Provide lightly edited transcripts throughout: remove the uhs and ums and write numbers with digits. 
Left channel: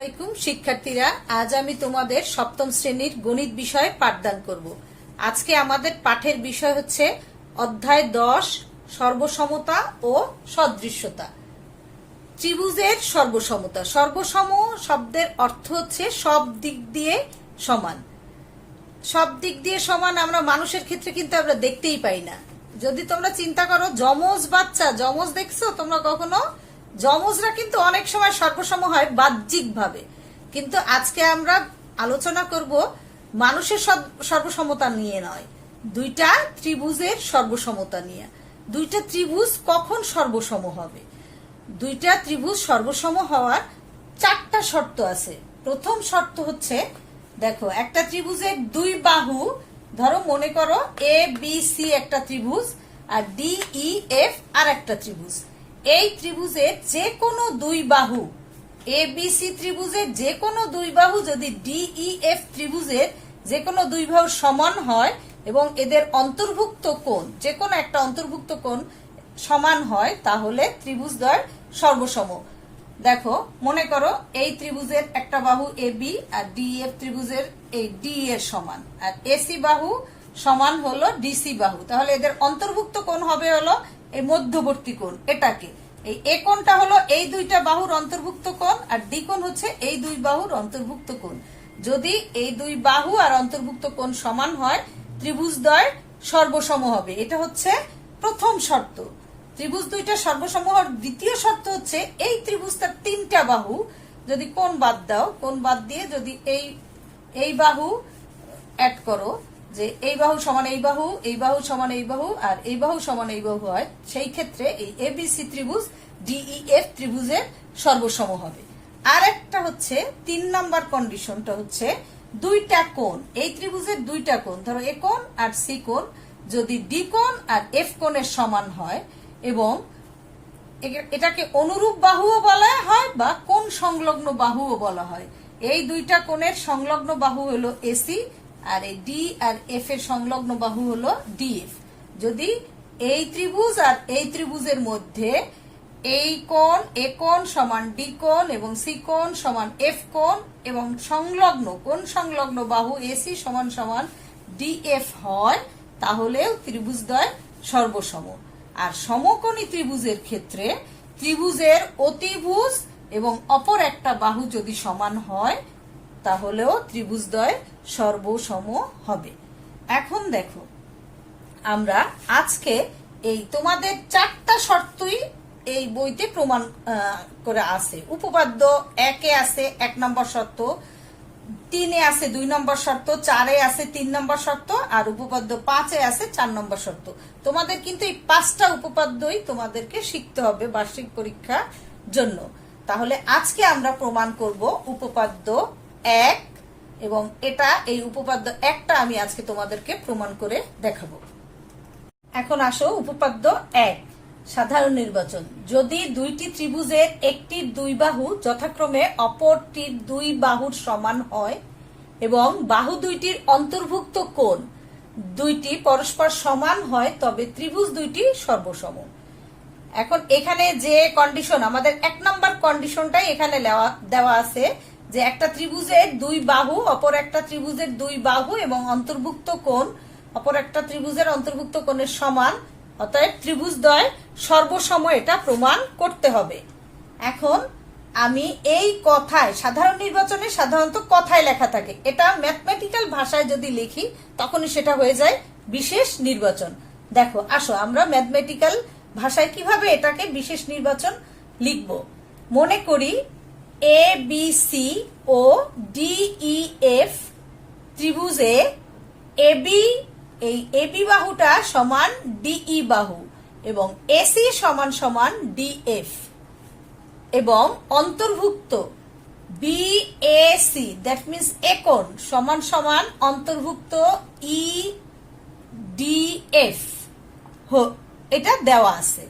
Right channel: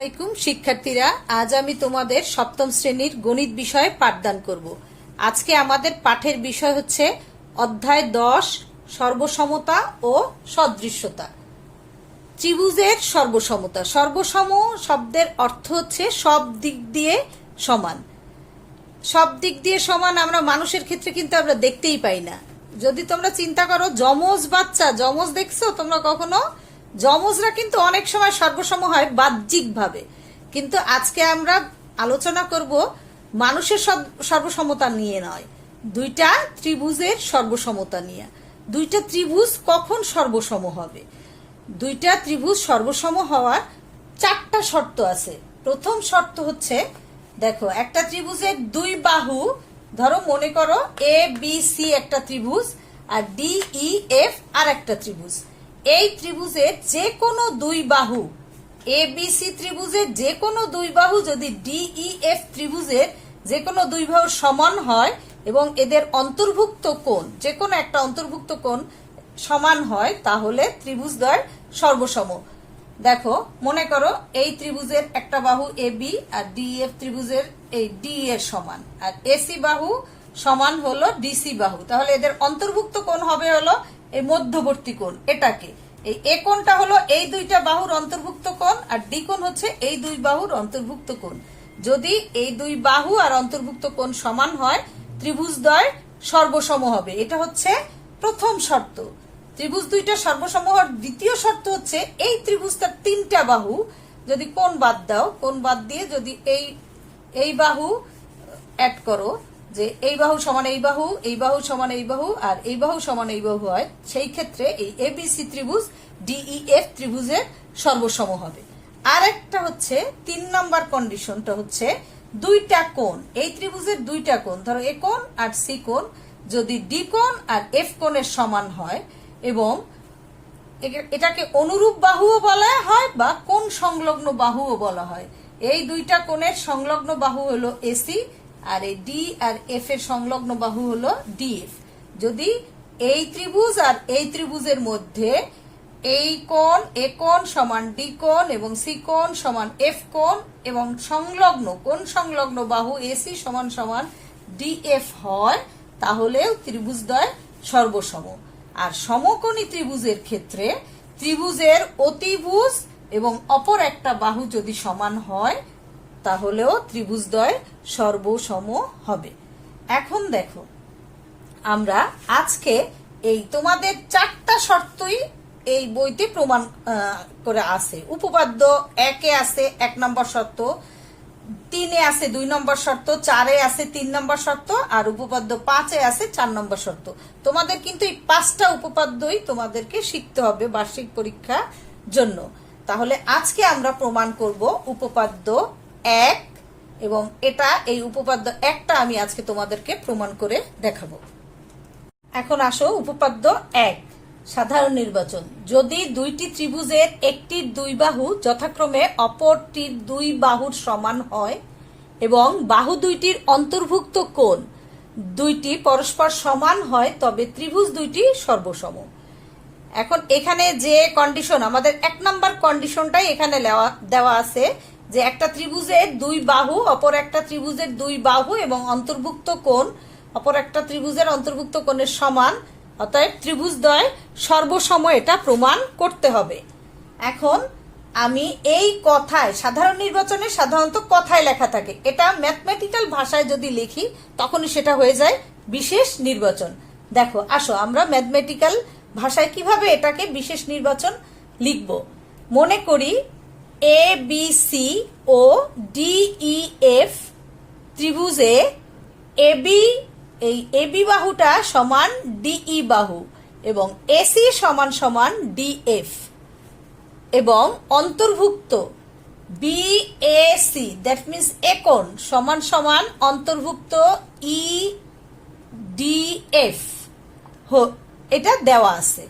আসসালামু আলাইকুম শিক্ষার্থীরা, আজ আমি তোমাদের সপ্তম শ্রেণীর গণিত বিষয়ে পাঠদান করব। আজকে আমাদের পাঠের বিষয় হচ্ছে অধ্যায় 10 সর্বসমতা ও সদৃশ্যতা। ত্রিভুজের সর্বসমতা। সর্বসম শব্দের অর্থ হচ্ছে সব দিক দিয়ে সমান। সব দিক দিয়ে সমান আমরা মানুষের ক্ষেত্রে কিন্তু আমরা দেখতেই পাই না। যদি তোমরা চিন্তা করো, যমজ বাচ্চা, যমজ দেখছো তোমরা কখনো? যমজরা কিন্তু অনেক সময় সর্বসম হয় বাহ্যিক ভাবে, কিন্তু আজকে আমরা আলোচনা করব মানুষের সর্বসমতা নিয়ে নয়, দুইটা ত্রিভুজের সর্বসমতা নিয়ে। দুইটা ত্রিভুজ কখন সর্বসম হবে? দুইটা ত্রিভুজ সর্বসম হওয়ার 4টা শর্ত আছে। প্রথম শর্ত হচ্ছে, দেখো, একটা ত্রিভুজের দুই বাহু, ধরো মনে করো এ বি সি একটা ত্রিভুজ আর ডি ই এফ আর একটা ত্রিভুজ। এই ত্রিভুজের যে কোনো দুই বাহু, এ বি সি ত্রিভুজের যে কোনো দুই বাহু যদি ডি ই এফ ত্রিভুজের যে কোনো দুই বাহুর সমান হয় এবং এদের অন্তর্ভুক্ত কোণ, যে কোনো একটা অন্তর্ভুক্ত কোণ সমান হয়, তাহলে ত্রিভুজদ্বয় সর্বসম। দেখো মনে করো এই ত্রিভুজের একটা বাহু A B R D F ত্রিভুজের এই ডি এর সমান, আর এসি বাহু সমান হলো ডিসি বাহু, তাহলে এদের অন্তর্ভুক্ত কোণ হবে হলো এই মধ্যবর্তী কোণ। এটাকে এই এ কোণটা হলো এই দুইটা বাহুর অন্তর্ভুক্ত কোণ, আর ডি কোণ হচ্ছে এই দুই বাহুর অন্তর্ভুক্ত কোণ। যদি এই দুই বাহু আর অন্তর্ভুক্ত কোণ সমান হয়, ত্রিভুজদ্বয় সর্বসম হবে। এটা হচ্ছে প্রথম শর্ত। ত্রিভুজ দুইটা সর্বসম হওয়ার দ্বিতীয় শর্ত হচ্ছে, এই ত্রিভুজটার 3টা বাহু যদি কোণ বাদ দাও, কোণ বাদ দিয়ে যদি এই বাহু অ্যাড করো, যে এই বাহু সমান এই বাহু, এই বাহু সমান এই বাহু আর এই বাহু সমান এই বাহু হয়, সেই ক্ষেত্রে এই এবিসি ত্রিভুজ ডিইএফ ত্রিভুজের সর্বসম হবে। আর একটা হচ্ছে 3 নম্বর কন্ডিশনটা হচ্ছে, দুইটা কোণ, এই ত্রিভুজের দুইটা কোণ, ধরো এ কোণ আর সি কোণ, যদি ডি কোণ আর এফ কোণের সমান হয় এবং এটাকে অনুরূপ বাহুও বলা হয় বা কোণ সংলগ্ন বাহুও বলা হয়। এই দুইটা কোণের সংলগ্ন বাহু হলো এসি আর এই ডি আর এফ এর সংলগ্ন বাহু হলো ডিএফ। যদি এই ত্রিভুজ আর এই ত্রিভুজের মধ্যে এই কোণ এ কোণ সমান ডি কোণ এবং সি কোণ সমান এফ কোণ এবং কোণ সংলগ্ন বাহু এসি সমান সমান ডিএফ হয়, তাহলেও ত্রিভুজদ্বয় সর্বসম। আর সমকোণী ত্রিভুজের ক্ষেত্রে ত্রিভুজের অতিভুজ এবং অপর একটা বাহু যদি সমান হয়, তাহলেও ত্রিভুজদ্বয় সর্বসম হবে। এখন দেখো, আমরা আজকে এই তোমাদের 4টা শর্তই এই বইতে প্রমাণ করে আছে। উপপাদ্য 1-এ আছে 1 নম্বর শর্ত, 3-এ আছে 2 নম্বর শর্ত, 4-এ আছে 3 নম্বর শর্ত, আর উপপাদ্য 5-এ আছে 4 নম্বর শর্ত। তোমাদের কিন্তু এই 5টা উপপাদ্যই তোমাদেরকে শিখতে হবে বার্ষিক পরীক্ষার জন্য। তাহলে আজকে আমরা প্রমাণ করব উপপাদ্য 1, এবং এই উপপাদ্য 1টা আমি আজকে তোমাদেরকে প্রমাণ করে দেখাবো। এখন আসো, উপপাদ্য 1, সাধারণ নির্বাচন। যদি দুইটি ত্রিভুজের একটির দুই বাহু যথাক্রমে অপরটির দুই বাহুর সমান হয় এবং বাহু দুইটির অন্তর্ভুক্ত কোণ দুইটি পরস্পর সমান হয়, তবে ত্রিভুজ দুইটি সর্বসম। এখন এখানে যে কন্ডিশন, আমাদের 1 নম্বর কন্ডিশনটাই এখানে দেওয়া আছে, যে একটা ত্রিভুজের দুই বাহু অপর একটা ত্রিভুজের দুই বাহু এবং অন্তর্ভুক্ত কোণ অপর একটা ত্রিভুজের অন্তর্ভুক্ত কোণের সমান, অতএব ত্রিভুজদ্বয় সর্বসম, এটা প্রমাণ করতে হবে। এখন আমি এই কথায়, সাধারণ নির্বাচনে সাধারণত কথায় লেখা থাকে, এটা ম্যাথমেটিক্যাল ভাষায় যদি লিখি তখনই সেটা হয়ে যায় বিশেষ নির্বাচন। দেখো আসো, আমরা ম্যাথমেটিক্যাল ভাষায় কিভাবে এটাকে বিশেষ নির্বাচন লিখব। মনে করি এ বি সি ও ডিই এফ ত্রিভুজে এবি, এই এবি বাহুটা সমান ডিই বাহু এবং এসি সমান সমান ডিএফ, এবং অন্তর্ভুক্ত বিএসি, দ্যাট মিন্স এ কোণ সমান সমান অন্তর্ভুক্ত ই ডিএফ, এটা দেওয়া আছে।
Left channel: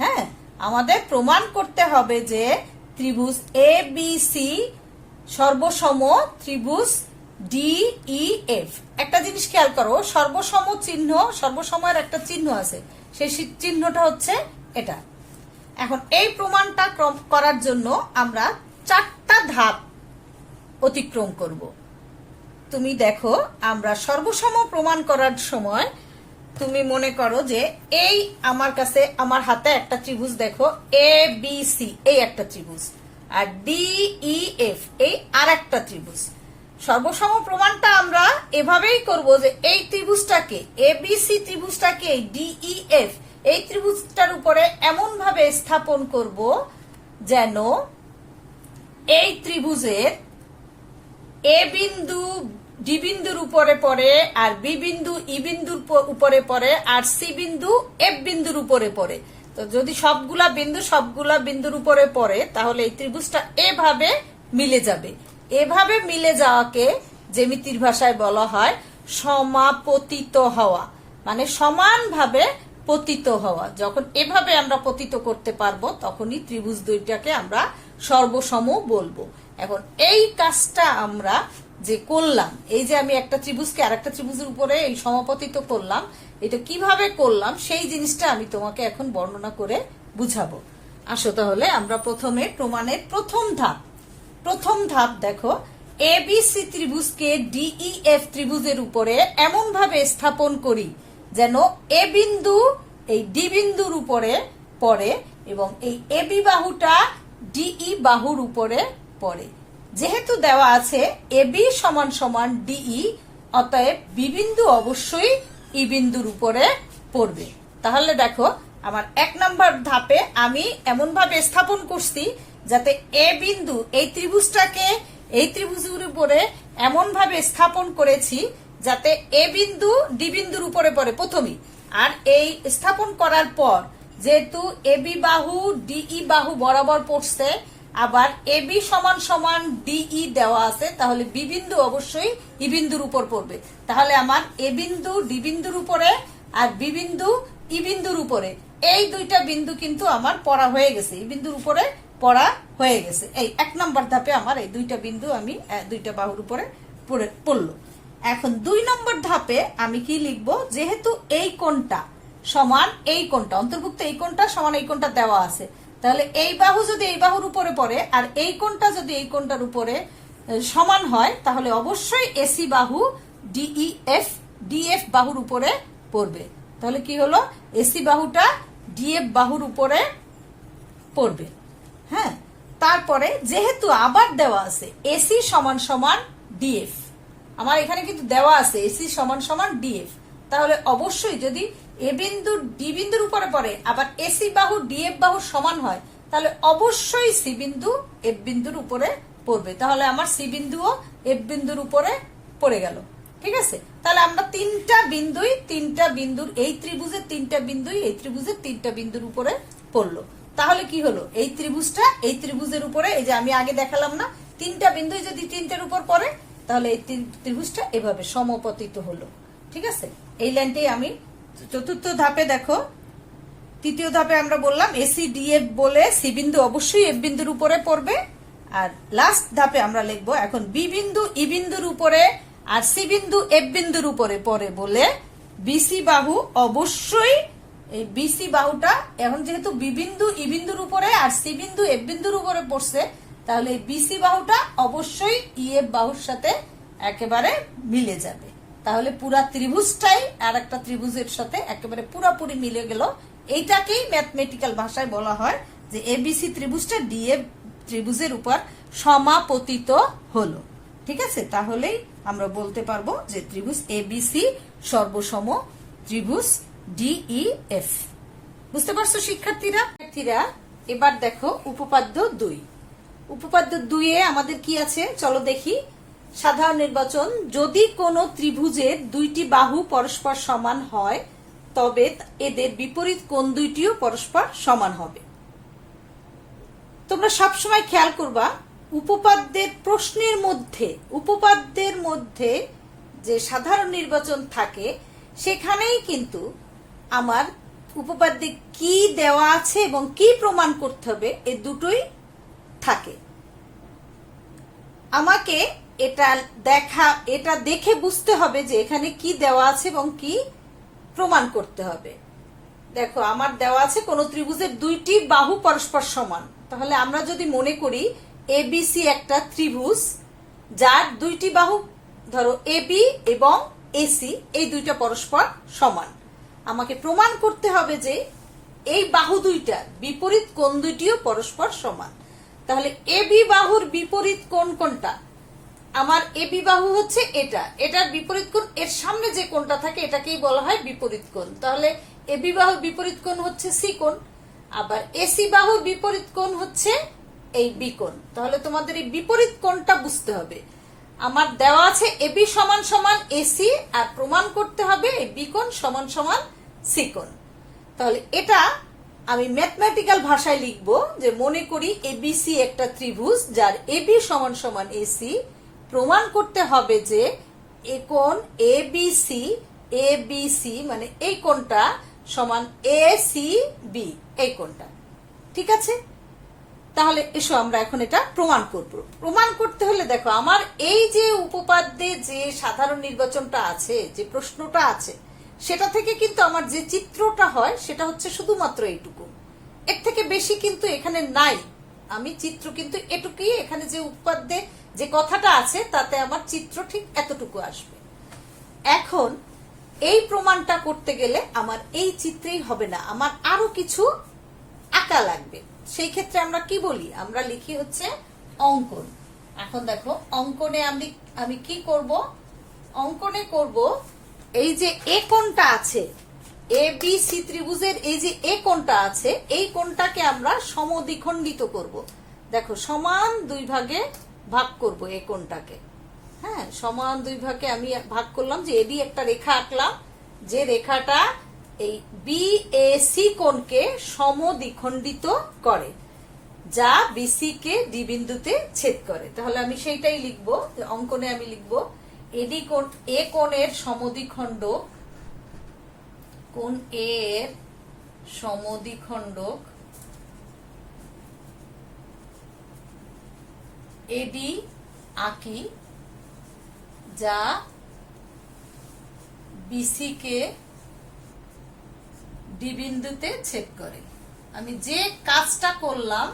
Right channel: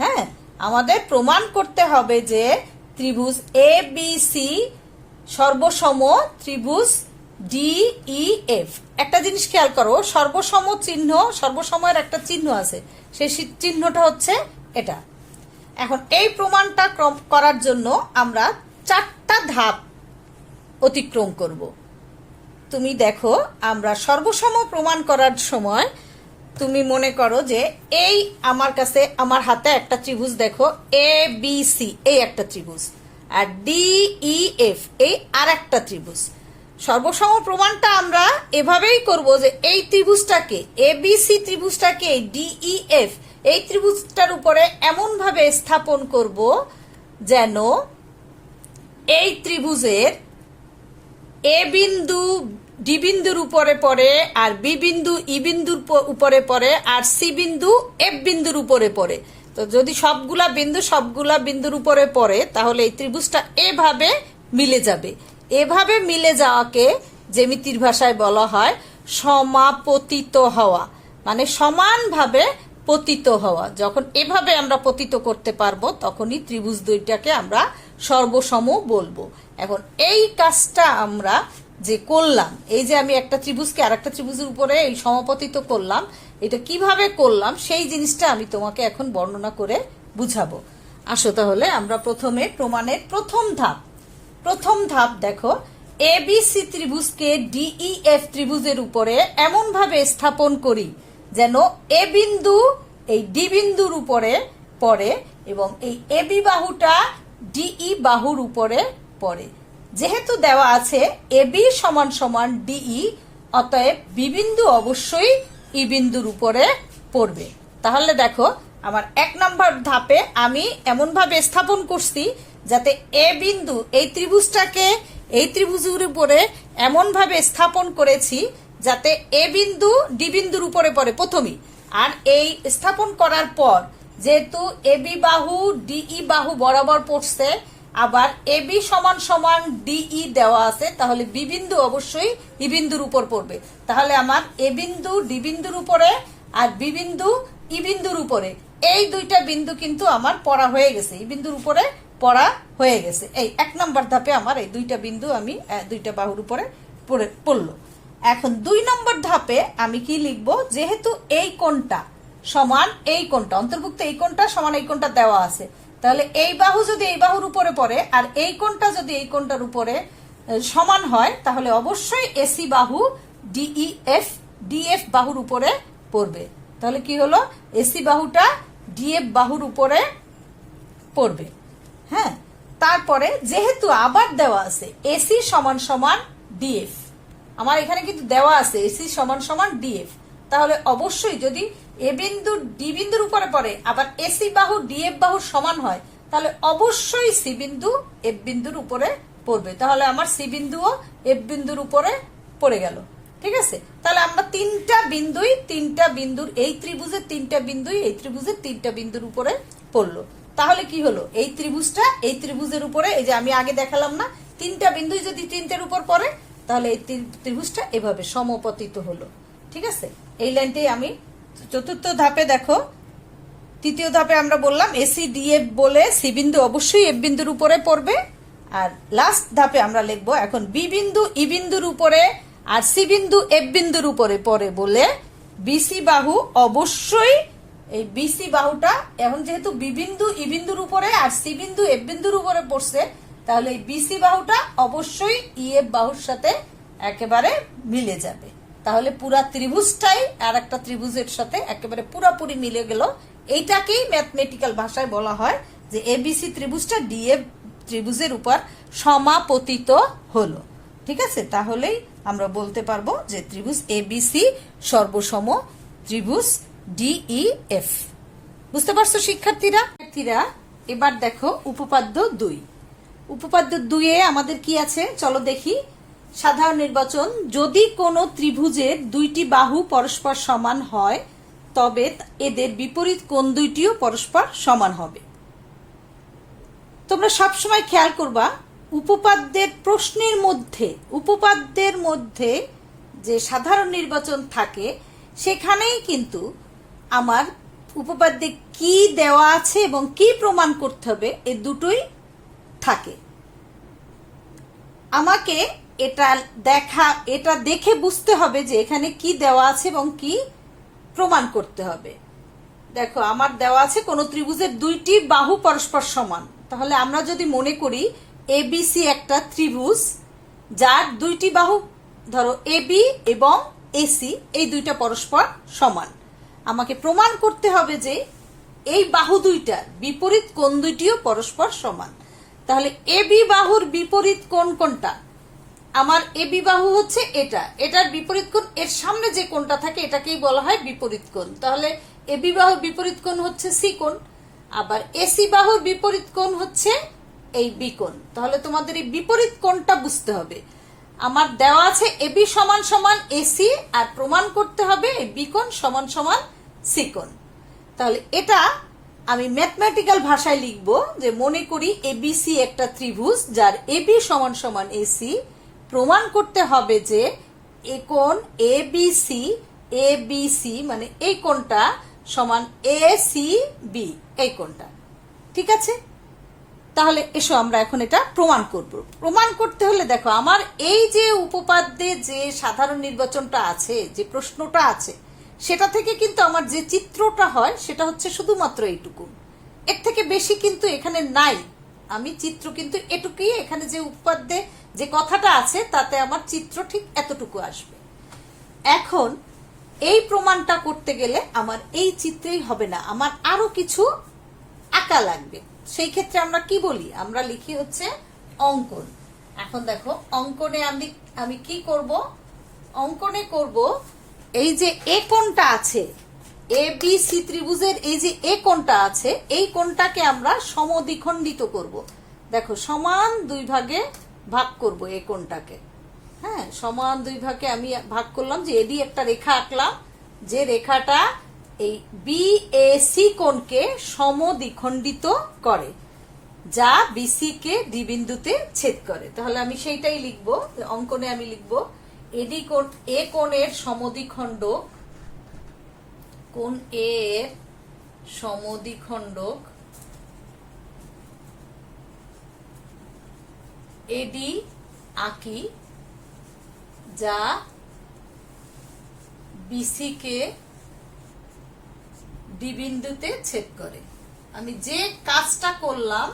হ্যাঁ, আমাদের প্রমাণ করতে হবে যে ত্রিভুজ এ বি সি সর্বসম ত্রিভুজ ডিইএফ। একটা জিনিস খেয়াল করো, সর্বসম চিহ্ন, সর্বসময়ের একটা চিহ্ন আছে, সেই চিহ্নটা হচ্ছে এটা। এখন এই প্রমাণটা করার জন্য আমরা 4টা ধাপ অতিক্রম করব। তুমি দেখো, আমরা সর্বসম প্রমাণ করার সময় তুমি মনে করো যে এই আমার কাছে আমার হাতে একটা ত্রিভুজ দেখো, এ বি সি এই একটা ত্রিভুজ, আর ডি ই এফ এই আর একটা ত্রিভুজ। সর্বসম প্রমাণটা আমরা এভাবেই করব যে এই ত্রিভুজটাকে, এ বি সি ত্রিভুজটাকে ডি ই এফ এই ত্রিভুজটার উপরে এমন ভাবে স্থাপন করব যেন এই ত্রিভুজের এ বিন্দু ডি বিন্দুর উপরে পড়ে, আর বি বিন্দু ই বিন্দুর উপরে পড়ে, আর সি বিন্দু এফ বিন্দুর উপরে পড়ে। তো যদি সবগুলা বিন্দুর উপরে পড়ে তাহলে এই ত্রিভুজটা এভাবে মিলে যাবে। এভাবে মিলে যাওয়াকে জ্যামিতির ভাষায় বলা হয় সমাপতিত হওয়া, মানে সমানভাবে পতিত হওয়া। যখন এভাবে আমরা পতিত করতে পারবো তখনই ত্রিভুজ দুইটাকে আমরা সর্বসম বলবো। এখন এই কাজটা আমরা যে করলাম, এই যে আমি একটা ত্রিভুজকে আরেকটা ত্রিভুজের উপরে এই সমাপতিত করলাম, এটা কিভাবে করলাম সেই জিনিসটা আমি তোমাকে এখন বর্ণনা করে বুঝাবো। আসো তাহলে আমরা প্রথমে প্রমাণের প্রথম ধাপ দেখো, এ বি সি ত্রিভুজকে ডিই এফ ত্রিভুজের উপরে এমন ভাবে স্থাপন করি যেন এ বিন্দু এই ডি বিন্দুর উপরে পড়ে এবং এই এ বি বাহুটা ডিই বাহুর উপরে পড়ে। যেহেতু দেওয়া আছে এ বি সমান সমান ডিই, অতএব বি বিন্দু অবশ্যই ই বিন্দুর উপরে পড়বে। তাহলে দেখো, আমার 1 নম্বর ধাপে আমি এমন ভাবে স্থাপন করছি যাতে এ বিন্দু এই ত্রিভুজটাকে এই ত্রিভুজের উপরে এমন ভাবে স্থাপন করেছি যাতে এ বিন্দু ডি বিন্দুর উপরে পড়ে প্রথমেই। আর এই স্থাপন করার পর যেহেতু এ বি বাহু ডিই বাহু বরাবর পড়ছে, আবার এ বি সমান সমান ডিই দেওয়া আছে, তাহলে বি বিন্দু অবশ্যই ই বিন্দুর উপর পড়বে। তাহলে আমার এ বিন্দু ডি বিন্দুর উপরে আর বি বিন্দু ই বিন্দুর উপরে এই দুইটা বিন্দু কিন্তু আমার পড়া হয়ে গেছে, ই বিন্দুর উপরে পড়া হয়ে গেছে। এই 1 নম্বর ধাপে আমার এই দুইটা বিন্দু আমি দুইটা বাহুর উপরে পড়লো। এখন 2 নম্বর ধাপে আমি কি লিখবো, যেহেতু এই কোণটা সমান এই কোণটা অন্তর্ভুক্ত, এই কোণটা সমান এই কোণটা দেওয়া আছে, তাহলে এই বাহু যদি এই বাহুর উপরে পড়ে আর এই কোণটা যদি এই কোণটার উপরে সমান হয় তাহলে অবশ্যই এসি বাহু ডিএফ বাহুর উপরে পড়বে। তাহলে কি হলো, এসি বাহুটা ডিএফ বাহুর উপরে পড়বে। হ্যাঁ, তারপরে যেহেতু আবার দেওয়া আছে এসি সমান সমান ডিএফ, আমার এখানে কিন্তু দেওয়া আছে এসি সমান সমান ডিএফ, তাহলে অবশ্যই যদি এ বিন্দু ডি বিন্দুর উপরে পড়ে আবার এসি বাহু ডিএফ বাহুর সমান হয় তাহলে অবশ্যই সি বিন্দু এফ বিন্দুর উপরে পড়বে। তাহলে আমার সি বিন্দুও এফ বিন্দুর উপরে পড়ে গেল। ঠিক আছে, তাহলে আমরা তিনটা বিন্দুর এই ত্রিভুজের তিনটা বিন্দুই এই ত্রিভুজের তিনটা বিন্দুর উপরে পড়লো। তাহলে কি হলো, এই ত্রিভুজটা এই ত্রিভুজের উপরে, এই যে আমি আগে দেখালাম না, তিনটা বিন্দুই যদি তিনটার উপর পড়ে তাহলে এই ত্রিভুজটা এভাবে সমপতিত হলো। ঠিক আছে, এই লাইনটাই আমি চতুর্থ ধাপে দেখো, তৃতীয় ধাপে আমরা বললাম এসি ডিএফ বলে সি বিন্দু অবশ্যই এফ বিন্দুর উপরে পড়বে। আর লাস্ট ধাপে আমরা লিখবো এখন বি বিন্দু ই বিন্দুর উপরে আর সি বিন্দু এফ বিন্দুর উপরে পড়ে বলে বিসি বাহু অবশ্যই এই বিসি বাহুটা, এখন যেহেতু বি বিন্দু ই বিন্দুর উপরে আর সি বিন্দু এফ বিন্দুর উপরে পড়ছে তাহলে এই বিসি বাহুটা অবশ্যই ই এফ বাহুর সাথে একেবারে মিলে যাবে। তাহলে পুরা ত্রিভুজটাই আর একটা ত্রিভুজের সাথে একেবারে পুরাপুরি মিলে গেল। এইটাকেই ম্যাথমেটিক্যাল ভাষায় বলা হয় যে এবিসি ত্রিভুজটা ডিএফ ত্রিভুজের উপর সমাপতিত হলো। ঠিক আছে, তাহলেই আমরা বলতে পারবো যে ত্রিভুজ এবিসি সর্বসম ত্রিভুজ ডিইএফ। বুঝতে পারছো শিক্ষার্থীরা? এবার দেখো উপপাদ্য 2। উপপাদ্য 2 এ আমাদের কি আছে চলো দেখি। সাধারণ নির্বাচন, যদি কোনো ত্রিভুজের দুইটি বাহু পরস্পর সমান হয় তবে এদের বিপরীত কোণ দুইটিও পরস্পর সমান হবে। তোমরা সবসময় খেয়াল করবা উপপাদ্যের প্রশ্নের উপপাদ্যের মধ্যে যে সাধারণ নির্বাচন থাকে সেখানেই কিন্তু আমার উপপাদ্যে কি দেওয়া আছে এবং কি প্রমাণ করতে হবে এই দুটোই থাকে। আমাকে এটা দেখে বুঝতে হবে যে এখানে কি দেওয়া আছে এবং কি প্রমাণ করতে হবে। দেখো, আমার দেওয়া আছে কোন ত্রিভুজের দুইটি বাহু পরস্পর সমান। তাহলে আমরা যদি মনে করি এবিসি একটা ত্রিভুজ, যার দুইটি বাহু ধরো এবি এবং এসি, এই দুইটা পরস্পর সমান। আমাকে প্রমাণ করতে হবে যে এই বাহু দুইটার বিপরীত কোণ দুইটিও পরস্পর সমান। তাহলে এবি বাহুর বিপরীত কোণ কোনটা? আমার এবি বাহু হচ্ছে এটা, এটার বিপরীত কোণ এর সামনে যে কোণটা থাকে এটাকেই বলা হয় বিপরীত কোণ। তাহলে এবি বাহুর বিপরীত কোণ হচ্ছে সি কোণ, আবার এসি বাহুর বিপরীত কোণ হচ্ছে এই বি কোণ। তাহলে তোমাদের এই বিপরীত কোণটা বুঝতে হবে। আমার দেওয়া আছে এবি সমান সমান এসি, আর প্রমাণ করতে হবে এই বি কোণ সমান সমান সি কোণ। তাহলে এটা আমি ম্যাথমেটিক্যাল ভাষায় লিখব যে মনে করি এবিসি একটা ত্রিভুজ যার এবি সমান সমান এসি। প্রমাণ করতে হবে যে এই কোণ এবিসি মানে এই কোণটা সমান এসিবি, এই কোণটা। ঠিক আছে, তাহলে এসো আমরা এখন এটা প্রমাণ করব। প্রমাণ করতে হলে দেখো আমার এই যে উপপাদ্যে যে সাধারণ নির্বাচনটা আছে, যে প্রশ্নটা আছে, সেটা থেকে কিন্তু আমার যে চিত্রটা হয় সেটা হচ্ছে শুধুমাত্র এইটুকু, এর থেকে বেশি কিন্তু এখানে নাই। আমি চিত্র কিন্তু এটুকুই, এখানে যে উপপাদ্যে যে কথাটা আছে তাতে আমার চিত্র ঠিক এতটুকু আসবে। এখন এই প্রমাণটা করতে গেলে আমার এই চিত্রেই হবে না, আমার আরো কিছু আঁকা লাগবে। সেই ক্ষেত্রে আমরা কি বলি? আমরা লিখি হচ্ছে অঙ্কন। এখন দেখো অঙ্কনে আমি কি করব? অঙ্কনে করব এই যে এ কোণটা আছে, এ বি সি ত্রিভুজের এই যে এ কোণটা আছে, এই কোণটাকে আমরা সমদ্বিখণ্ডিত করব। দেখো সমান দুই ভাগে ভাগ করব এ কোণটাকে। হ্যাঁ, সমান দুই ভাগে আমি ভাগ করলাম, যে এডি একটা রেখা আঁকলাম, যে রেখাটা এই বিএসি কোণকে সমদ্বিখণ্ডিত করে, যা বিসি কে ডি বিন্দুতে ছেদ করে। তাহলে আমি সেইটাই লিখবো অঙ্কনে। আমি লিখবো এডি কোণ, এ কোণের সমদ্বিখণ্ডক, কোণ এর সমদ্বিখণ্ডক এডি আঁকি, যা বিসি কে ডি বিন্দুতে ছেদ করে। আমি যে কাজটা করলাম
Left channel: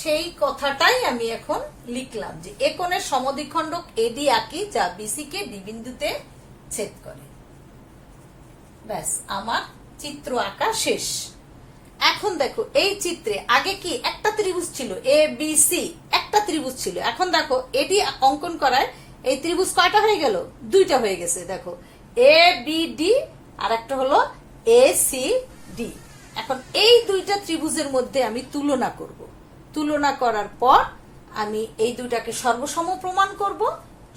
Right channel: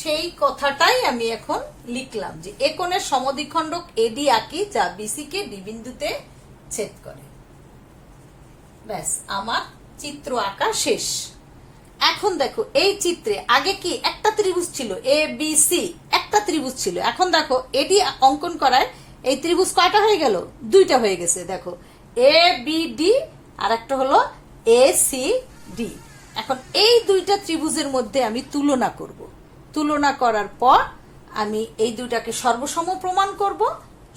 সেই কথাটাই আমি এখন লিখলাম, যে এ কোণের সমদ্বিখণ্ডক এডি আঁকি, যা বিসি কে ডি বিন্দুতে ছেদ করে। ব্যাস, আমার চিত্র আঁকা শেষ। এখন দেখো এই চিত্রে আগে কি একটা ত্রিভুজ ছিল, এ বি সি একটা ত্রিভুজ ছিল। এখন দেখো এডি অঙ্কন করায় এই ত্রিভুজ কয়টা হয়ে গেল? দুইটা হয়ে গেছে। দেখো এ বি ডি আর একটা হলো এ সি ডি। এখন এই দুইটা ত্রিভুজের মধ্যে আমি তুলনা করব। তুলনা করার পর আমি এই দুইটাকে সর্বসম প্রমাণ করব।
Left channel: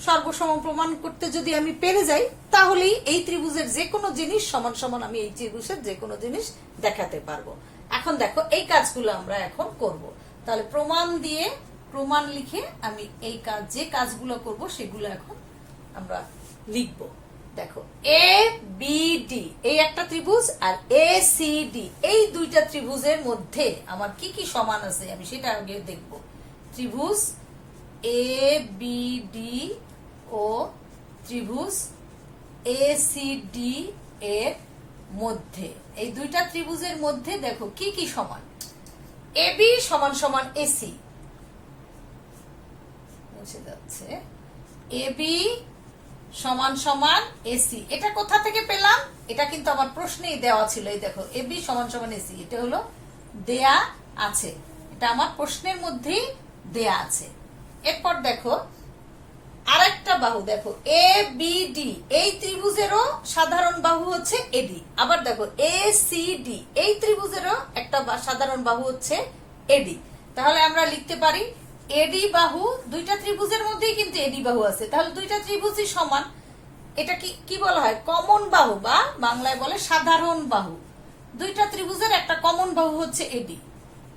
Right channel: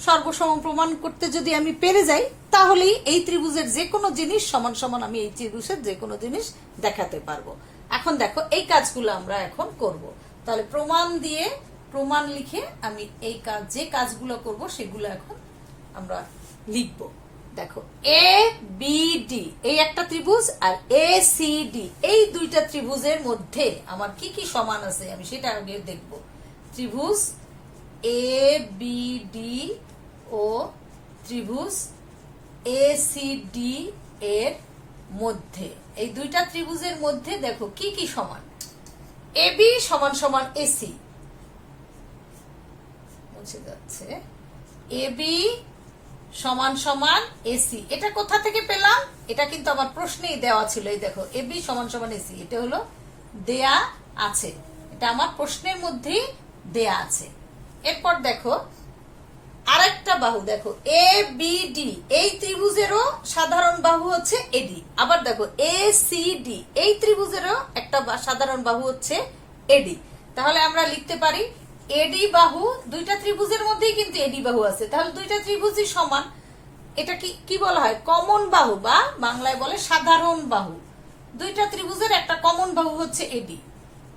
সর্বসম প্রমাণ করতে যদি আমি পেরে যাই, তাহলেই এই ত্রিভুজের যে কোনো জিনিস সমান সমান আমি এই ত্রিভুজের যে কোনো জিনিস দেখাতে পারবো। এখন দেখো এই কাজগুলো আমরা এখন করব। তাহলে প্রমাণ দিয়ে প্রমাণ লিখে আমি এই কাজ, যে কাজগুলো করব সেগুলো এখন আমরা লিখব। দেখো এ বি ডি এই একটা ত্রিভুজ, আর এ সি ডি এই দুইটা ত্রিভুজের মধ্যে আমার কি কি সমান আছে আমি সেটা আগে দেখব। ত্রিভুজ এ বি ডি ও ত্রিভুজ এ সি ডি এর মধ্যে, এই দুইটা ত্রিভুজের মধ্যে দেখো কি কি সমান। এ বি সমান সমান এসি, মুছে যাচ্ছে, এ বি সমান সমান এসি। এটা কোথা থেকে পেলাম? এটা কিন্তু আমার প্রশ্নেই দেওয়া ছিল। এই দেখো এ বি সমান সমান এসি, এটা হলো দেয়া আছে, এটা আমার প্রশ্নের মধ্যেই দেয়া আছে। এরপর দেখো আরেকটা বাহু, দেখো এ বি ডি এই ত্রিভুজেরও সাধারণ বাহু হচ্ছে এডি। আবার দেখো এ সি ডি এই ত্রিভুজেরও একটা সাধারণ বাহু হচ্ছে এডি। তাহলে আমরা লিখতে পারি এডি বাহু, দুইটা ত্রিভুজের মধ্যেই কিন্তু এডি বাহু আছে, তাহলে দুইটা ত্রিভুজই সমান। এটা কি বলা হয়? কমন বাহু, বা বাংলায় বলে সাধারণ বাহু। দুইটা ত্রিভুজের একটা কমন বাহু হচ্ছে এডি,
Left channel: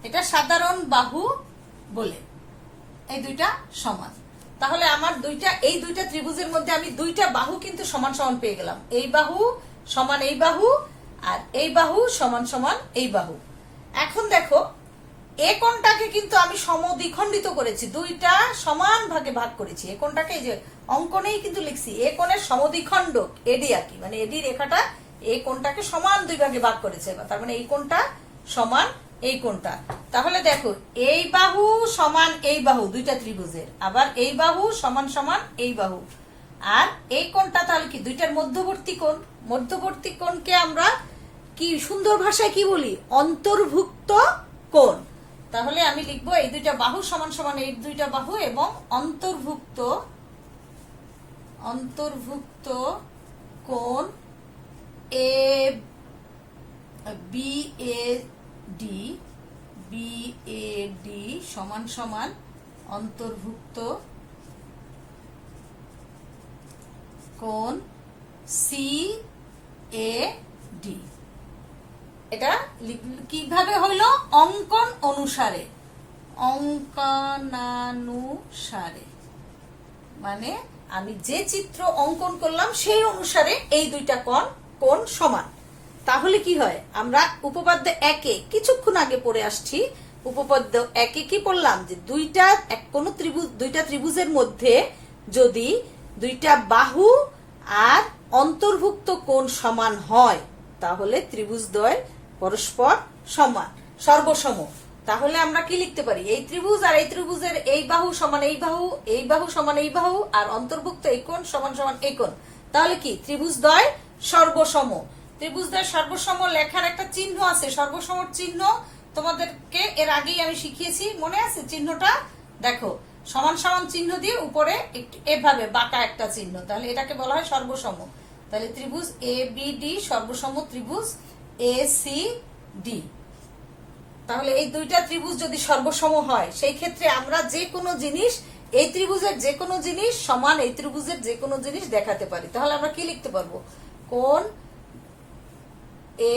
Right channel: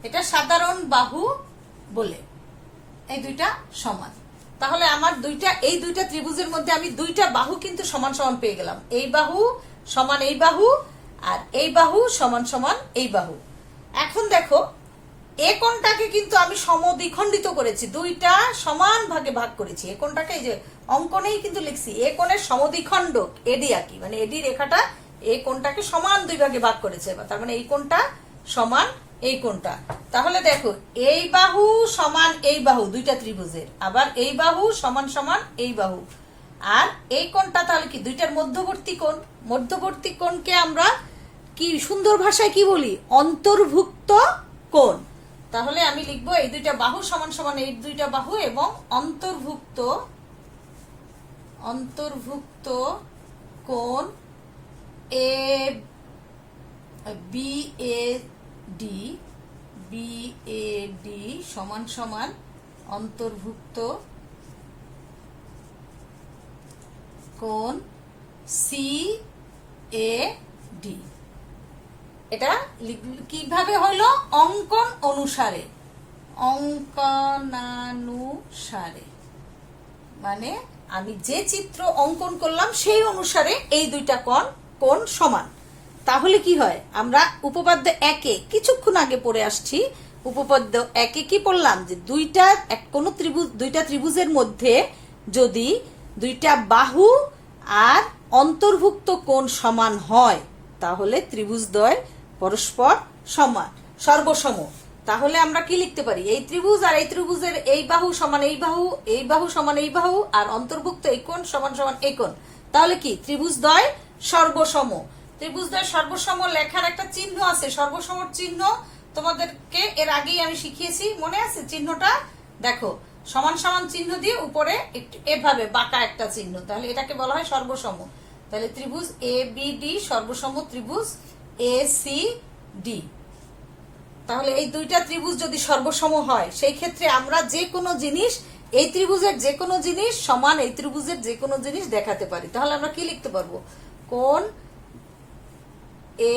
এটা সাধারণ বাহু বলে। এই দুইটা সমান। তাহলে আমার এই দুইটা ত্রিভুজের মধ্যে আমি দুইটা বাহু কিন্তু সমান সমান পেয়ে গেলাম। এই বাহু সমান এই বাহু, আর এই বাহু সমান সমান এই বাহু। এখন দেখো এ কোণটাকে কিন্তু আমি সমদ্বিখণ্ডিত করেছি, দুইটা সমান ভাগে ভাগ করেছি। এ কোণটাকে এই যে অঙ্কনেই কিন্তু লিখছি, এ কোণের সমদ্বিখণ্ডক এডি আঁকি, মানে এডি রেখাটা এ কোণটাকে সমান দুই ভাগে ভাগ করেছে। তার মানে এই কোণটা সমান এই কোণটা। তাহলে দেখো এই বাহু সমান এই বাহু দুইটা ত্রিভুজের, আবার এই বাহু সমান সমান এই বাহু, আর এই কোণটা তাহলে কি দুইটার মধ্যবর্তী কোণ। মধ্যবর্তী কোণকে আমরা কি সুন্দর ভাষায় কি বলি, অন্তর্ভুক্ত কোণ। তাহলে আমি লিখবো এই দুইটা বাহু সমান সমান এই দুইটা বাহু এবং অন্তর্ভুক্ত কোণ এ বি এ ডি সমান সমান অন্তর্ভুক্ত কোণ সি এ ডি। এটা কিভাবে হলো, অঙ্কন অনুসারে, অঙ্কনানুসারে, মানে আমি যে চিত্র অঙ্কন করলাম সেই অনুসারে এই দুইটা কোণ সমান। তাহলে কি হয়, আমরা উপপাদ্য একে কিছুক্ষণ আগে পড়ে আসছি, উপপাদ্য একে কি পড়লাম, যে দুইটা ত্রিভুজের মধ্যে যদি দুইটা বাহু আর অন্তর্ভুক্ত কোণ সমান হয় তাহলে ত্রিভুজদ্বয় পরস্পর সমান, সর্বসম। তাহলে আমরা কি লিখতে পারি, এই ত্রিভুজ আর এই ত্রিভুজের এই বাহু সমান এই বাহু, এই বাহু সমান এই বাহু, আর অন্তর্ভুক্ত এই কোণ সমান সমান এই কোণ। তাহলে কি ত্রিভুজদ্বয় সর্বসম। ত্রিভুজদ্বয় সর্বসম লেখার একটা চিহ্ন আছে, সর্বসমর চিহ্ন তোমাদেরকে এর আগেই আমি শিখিয়েছি, মনে আছে চিহ্নটা? দেখো সমান সমান চিহ্ন দিয়ে উপরে এভাবে বাঁকা একটা চিহ্ন, তাহলে এটাকে বলা হয় সর্বসম। তাহলে ত্রিভুজ এ বি ডি সর্বসম ত্রিভুজ এ সি ডি। তাহলে এই দুইটা ত্রিভুজ যদি সর্বসম হয় সেই ক্ষেত্রে আমরা যে কোনো জিনিস, এই ত্রিভুজের যে কোনো জিনিস সমান এই ত্রিভুজের যে কোনো জিনিস দেখাতে পারি। তাহলে আমরা কি লিখতে পারবো, কোণ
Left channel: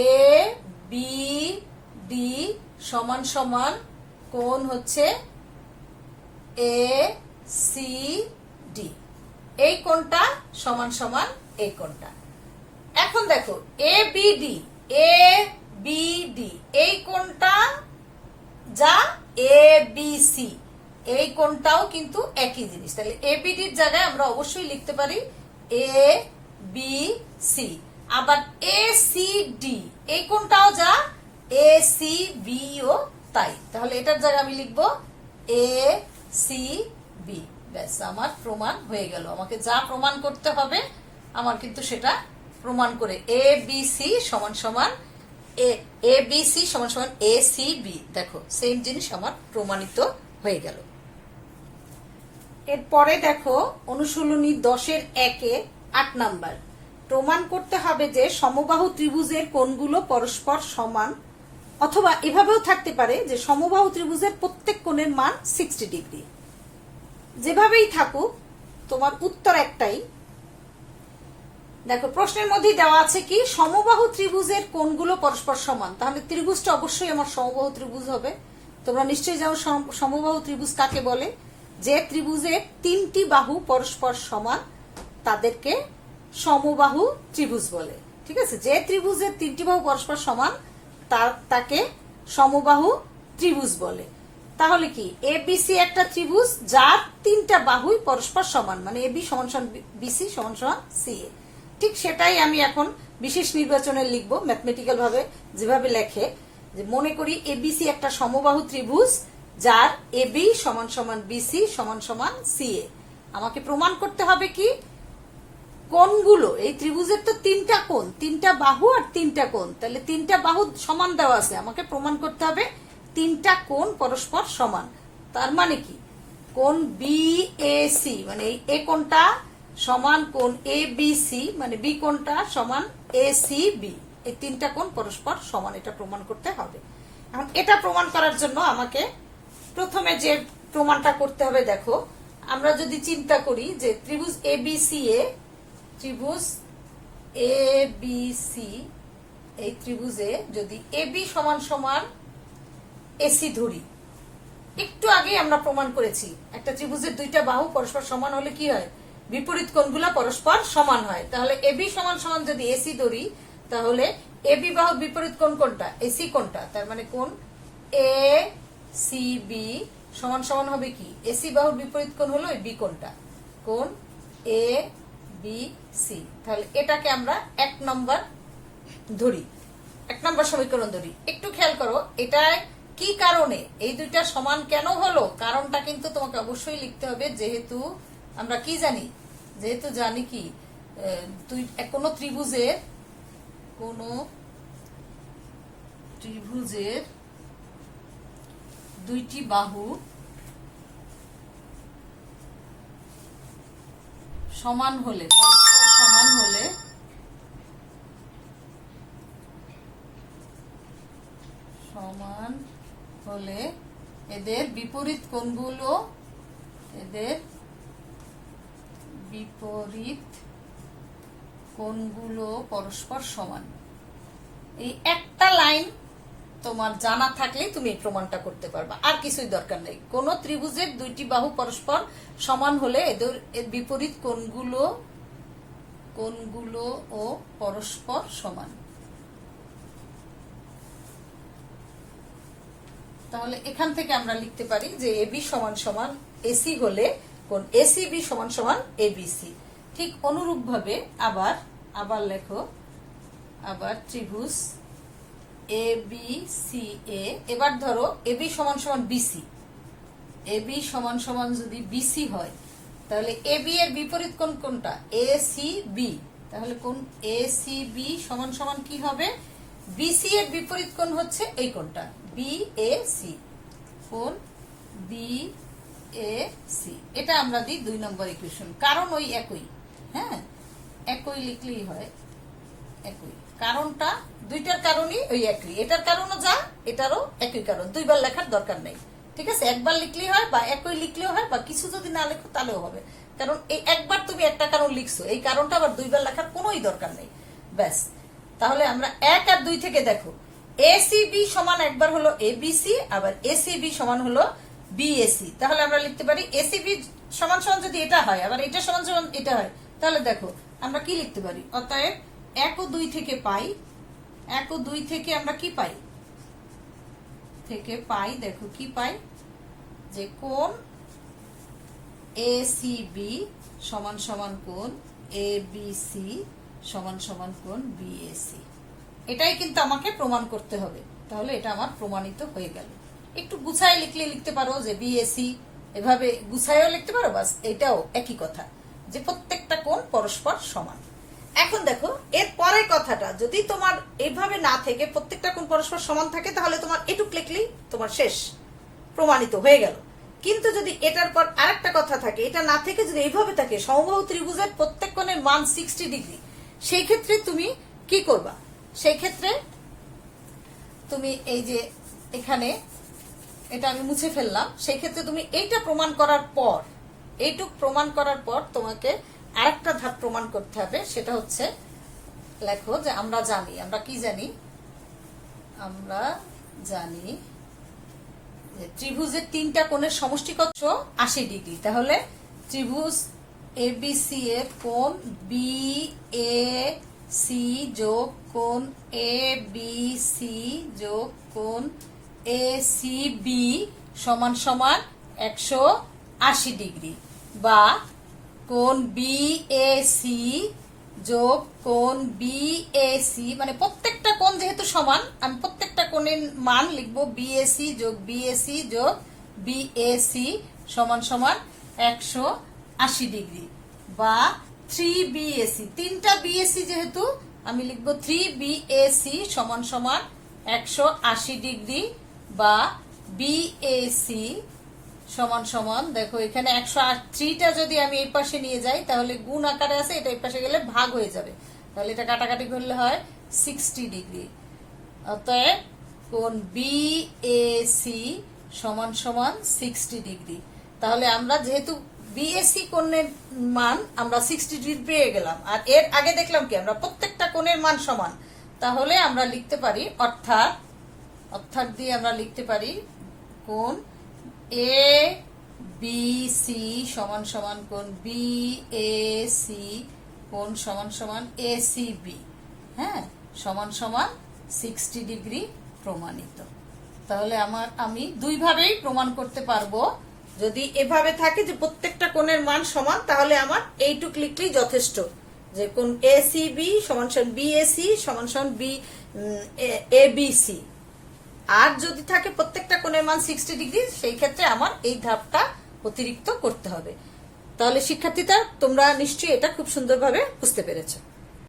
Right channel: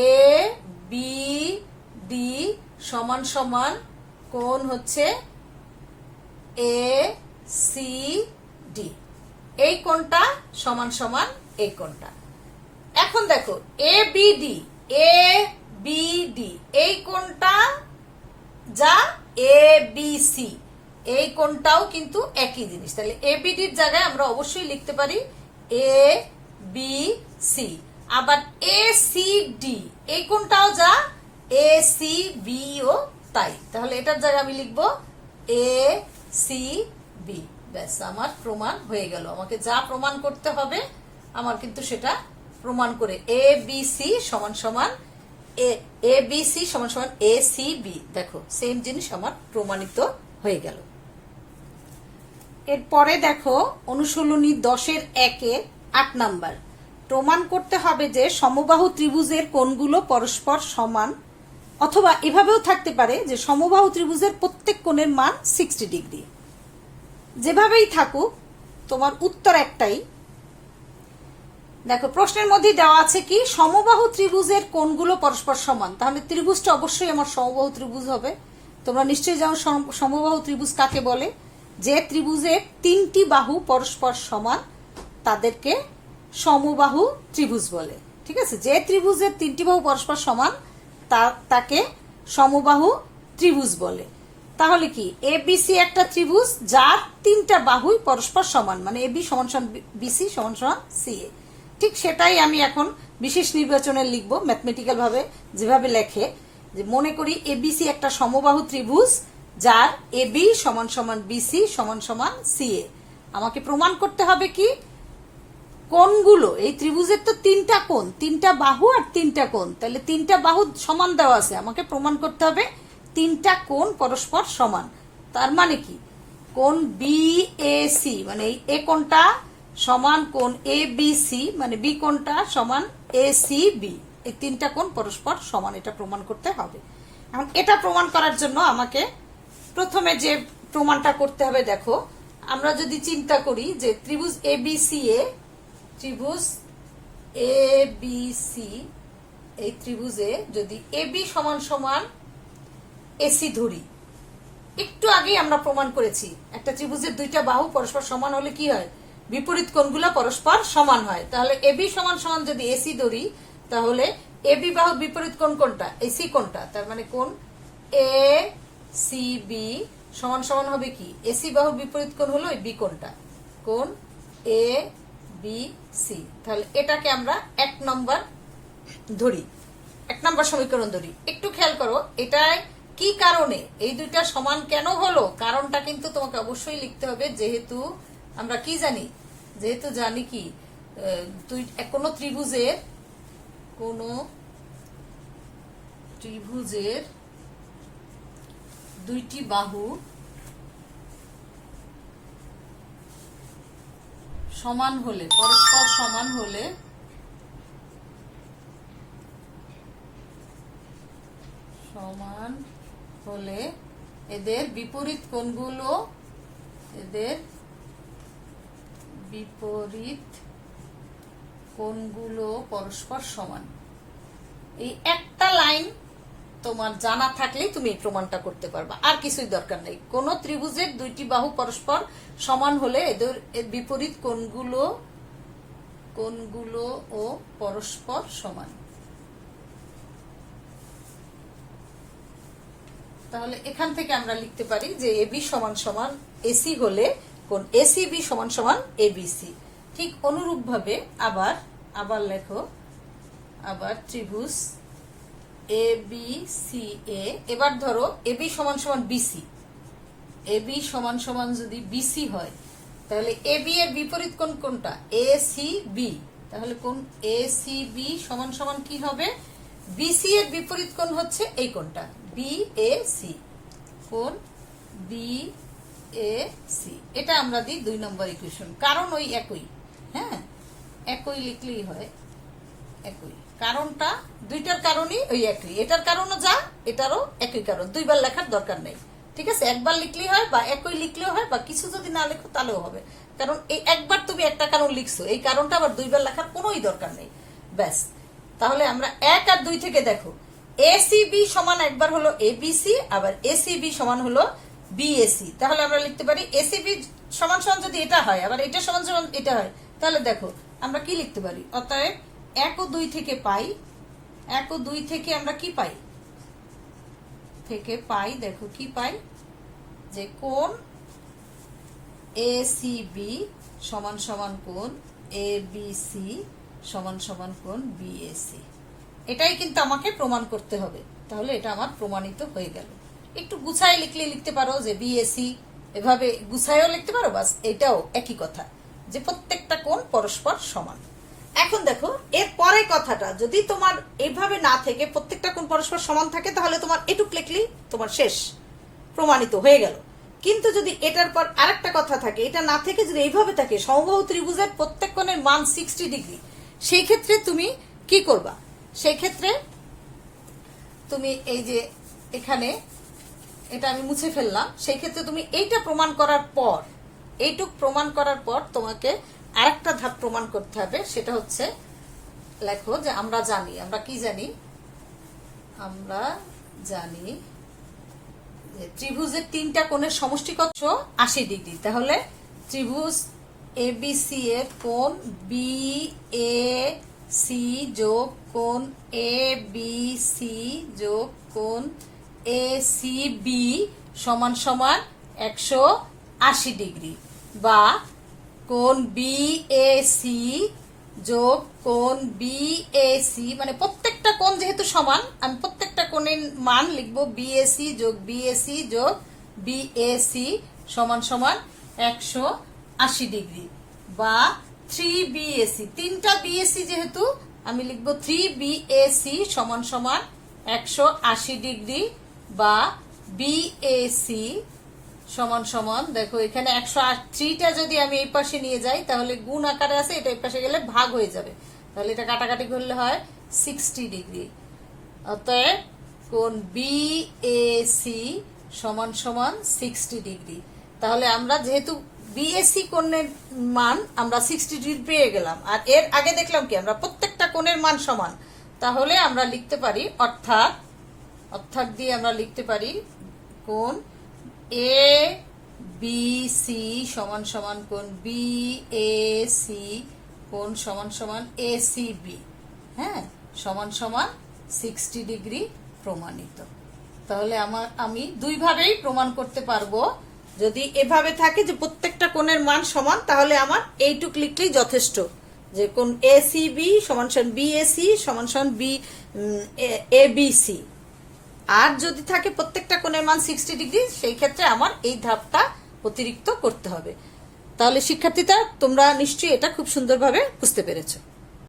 এ বি ডি সমান সমান কোণ হচ্ছে এ সি ডি, এই কোণটা সমান সমান এই কোণটা। এখন দেখো এ বি ডি এই কোণটা যা এ বি সি এই কোণটাও কিন্তু একই জিনিস। তাহলে এ বি ডির জায়গায় আমরা অবশ্যই লিখতে পারি এ বি সি। আবার এ সি ডি এই কোণটাও যা এ সি বি ও তাই। তাহলে এটার জায়গায় আমি লিখবো এ সি বি। ব্যাস, আমার প্রমাণ হয়ে গেল। আমাকে যা প্রমাণ করতে হবে আমার কিন্তু সেটা প্রমাণ করে এ বি সি সমান সমান এ বি সি সমান সমান এ সি বি, দেখো সেম জিনিস আমার প্রমাণিত হয়ে গেল। এরপরে দেখো অনুশীলনী 10-এর 8 নাম্বার, প্রমাণ করতে হবে যে সমবাহু ত্রিভুজের কোণগুলো পরস্পর সমান, অথবা এভাবেও থাকতে পারে যে সমবাহু ত্রিভুজের প্রত্যেক কোণের মান 60 ডিগ্রি। যেভাবেই থাকুক তোমার উত্তর একটাই। দেখো প্রশ্নের মধ্যে দেওয়া আছে কি, সমবাহু ত্রিভুজের কোণগুলো পরস্পর সমান, তাহলে ত্রিভুজটা অবশ্যই আমার সমবাহু ত্রিভুজ হবে। তোমরা নিশ্চয়ই জানো সমবাহু ত্রিভুজ কাকে বলে, যে ত্রিভুজের 3টি বাহু পরস্পর সমান তাদেরকে সমবাহু ত্রিভুজ বলে। ঠিক আছে, যে ত্রিভুজের 3টি বাহু পরস্পর সমান তাকে সমবাহু ত্রিভুজ বলে। তাহলে কি এবিসি একটা ত্রিভুজ যার 3টা বাহুই পরস্পর সমান, মানে এবি সমান সমান বিসি সমান সমান সিএ। ঠিক সেটাই আমি এখন বিশেষ নির্বাচনে লিখবো, ম্যাথমেটিক্যাল ভাবে যেভাবে লেখে, যে মনে করি এবিসি একটা সমবাহু ত্রিভুজ যার এবি সমান সমান বিসি সমান সমান সিএ। আমাকে প্রমাণ করতে হবে কি, কোণগুলো, এই ত্রিভুজের তো 3টা কোণ, 3টা বাহু আর 3টা কোণ, তাহলে 3টা বাহু সমান দেওয়া আছে, আমাকে প্রমাণ করতে হবে 3টা কোণ পরস্পর সমান। তার মানে কি, কোণ বিএসি মানে এ কোণটা সমান কোণ এ বি সি, মানে বি কোণটা সমান এ সি বি, এই 3টা কোণ পরস্পর সমান, এটা প্রমাণ করতে হবে। এখন এটা প্রমাণ করার জন্য আমাকে প্রথমে যে প্রমাণটা করতে হবে, দেখো আমরা যদি চিন্তা করি যে ত্রিভুজ এ বি সি এই ত্রিভুজে যদি এবি সমান সমান এসি ধরি, একটু আগে আমরা প্রমাণ করেছি একটা ত্রিভুজের 2টা বাহু পরস্পর সমান হলে কি হয়, বিপরীত কোণগুলো পরস্পর সমান হয়। তাহলে এবি সমান সমান যদি এসি ধরি, তাহলে এবি বাহুর বিপরীত কোণ কোনটা, এসি কোণটা, তার মানে কোণ এ সি বি সমান সমান হবে কি, এসি বাহুর বিপরীত কোণ হলো বি কোণটা, কোণ এ বি সি। তাহলে এটাকে আমরা 1 নম্বর ধরি। 1 নম্বর সমীকরণ ধরি, একটু খেয়াল করো এটা কি কারণে এই দুইটা সমান কেন হলো, কারণটা কিন্তু তোমাকে অবশ্যই লিখতে হবে। যেহেতু আমরা কি জানি, যেহেতু জানি কি কোন ত্রিভুজের দুইটি বাহু সমান হলে, পরস্পর সমান হলে এদের বিপরীত কোণগুলো পরস্পর সমান। এই একটা লাইন তোমার জানা থাকলেই তুমি এই প্রমাণটা করতে পারবা, আর কিছুই দরকার নেই। কোন ত্রিভুজের দুইটি বাহু পরস্পর সমান হলে এর বিপরীত কোণগুলো ও পরস্পর সমান। তাহলে এখান থেকে আমরা লিখতে পারি যে এবি সমান সমান এসি হলে কোণ এসিবি সমান সমান এবিসি। ঠিক অনুরূপ ভাবে আবার লেখো, আবার ত্রিভুজ এবিসিএ। এবার ধরো এবি সমান সমান বিসি, এবি সমান সমান যদি বিসি হয় তাহলে এবি এর বিপরীত কোণ কোনটা? এসিবি। তাহলে কোণ এসিবি সমান সমান কি হবে? বিসি এর বিপরীত কোণ হচ্ছে এই কোণটা বিএসি, কোণ বিএসি। এটা আমরা দিই 2 নম্বর ইকুয়েশন, কারণ ওই একই। হ্যাঁ, একই লিখলেই হয়, একই কারণটা, দুইটার কারণই ওই একই। এটার কারণও যা, এটারও একই কারণ, দুইবার লেখার দরকার নেই। ঠিক আছে, একবার লিখলেই হয় বা একই লিখলেও হয়, বা কিছু যদি না লেখো তাহলেও হবে। কারণ এই একবার তুমি একটা কারণ লিখছো, এই কারণটা আবার দুইবার লেখার কোনোই দরকার নেই, ব্যাস। তাহলে আমরা 1 আর 2 থেকে দেখো, এসিবি সমান একবার হলো এবিসি, আবার এসিবি সমান হলো বিএসি। তাহলে আমরা লিখতে পারি এসিবি সমান সমান যদি এটা হয়, আবার এটা সমান সমান এটা হয়, তাহলে দেখো আমরা কি লিখতে পারি। অতএব 1 ও 2 থেকে পাই, 1 ও 2 থেকে আমরা কি পাই, দেখো কি পাই, যে কোণ এসিবি সমান সমান কোণ এবিসি সমান সমান কোণ বিএসি। এটাই কিন্তু আমাকে প্রমাণ করতে হবে। তাহলে এটা আমার প্রমাণিত হয়ে গেল। একটু গুছায় লিখলে লিখতে পারো যে বিএসি, এভাবে গুছায়ও লিখতে পারো, বাস এটাও একই কথা, যে প্রত্যেকটা কোণ পরস্পর সমান। এখন দেখো এর পরের কথাটা, যদি তোমার এইভাবে না থেকে প্রত্যেকটা কোণ পরস্পর সমান থাকে, তাহলে তোমার এটুক লিখলেই তোমার শেষ, প্রমাণিত হয়ে গেল। কিন্তু যদি এটার পর আরেকটা কথা থাকে, এটা না থেকে যদি এইভাবে থাকে, সমবাহু ত্রিভুজের প্রত্যেক কোণের মান 60 ডিগ্রি, সেই ক্ষেত্রে তুমি কি করবা? সেই ক্ষেত্রে তুমি এই যে এখানে এটা আমি মুছে ফেললাম, সেই ক্ষেত্রে তুমি এইটা প্রমাণ করার পর, এইটুক প্রমাণ করার পর তোমাকে আরেকটা ধাপ প্রমাণ করতে হবে। সেটা হচ্ছে, লেখো যে আমরা জানি, আমরা কি জানি, আমরা জানি ত্রিভুজের 3টা কোণের সমষ্টি কত? 80 ডিগ্রি। তাহলে ত্রিভুজ এবিসি এর কোণ বিএসি যোগ কোণ এবিসি যোগ কোণ এসিবি সমান সমান 180 ডিগ্রি, বা কোণ বিএসি যোগ কোণ বিএসি, মানে প্রত্যেকটা কোণ যেহেতু সমান, আমি প্রত্যেকটা কোণের মান লিখবো বিএসি যোগ বিএসি যোগ বিএসি সমান সমান 180 ডিগ্রি, বা 3বিএসি, 3টা বিএসি যেহেতু আমি লিখবো 3বিএসি সমান সমান 180 ডিগ্রি, বা বিএসি সমান সমান, দেখো এখানে 103টা যদি আমি এই পাশে নিয়ে যাই তাহলে গুণ আকারে আছে, এটা এই পাশে গেলে ভাগ হয়ে যাবে, তাহলে এটা কাটাকাটি করলে হয় 60 ডিগ্রি। অতএব কোণ বিএসি সমান সমান 60 ডিগ্রি। তাহলে আমরা যেহেতু বিএসি কোণের মান আমরা 60 ডিগ্রি পেয়ে গেলাম, আর এর আগে দেখলাম কি আমরা প্রত্যেকটা কোণের মান সমান, তাহলে আমরা লিখতে পারি, অর্থাৎ দিয়ে আমরা লিখতে পারি কোণ এ বি সি সমান সমান কোণ বিএসি কোণ সমান সমান এসিবি, হ্যাঁ, সমান সমান 60 ডিগ্রি প্রমাণিত। তাহলে আমি দুইভাবেই প্রমাণ করতে পারবো। যদি এভাবে থাকে যে প্রত্যেকটা কোণের মান সমান, তাহলে আমার এইটুক লিখলেই যথেষ্ট, যে কোন এসিবি সমান সমান বিএসি সমান সমান বি এবিসি। আর যদি থাকে প্রত্যেকটা কোণের মান 60 ডিগ্রি, সেই ক্ষেত্রে আমার এই ধাপটা অতিরিক্ত করতে হবে। তাহলে শিক্ষার্থীরা তোমরা নিশ্চয়ই এটা খুব সুন্দরভাবে বুঝতে পেরেছো।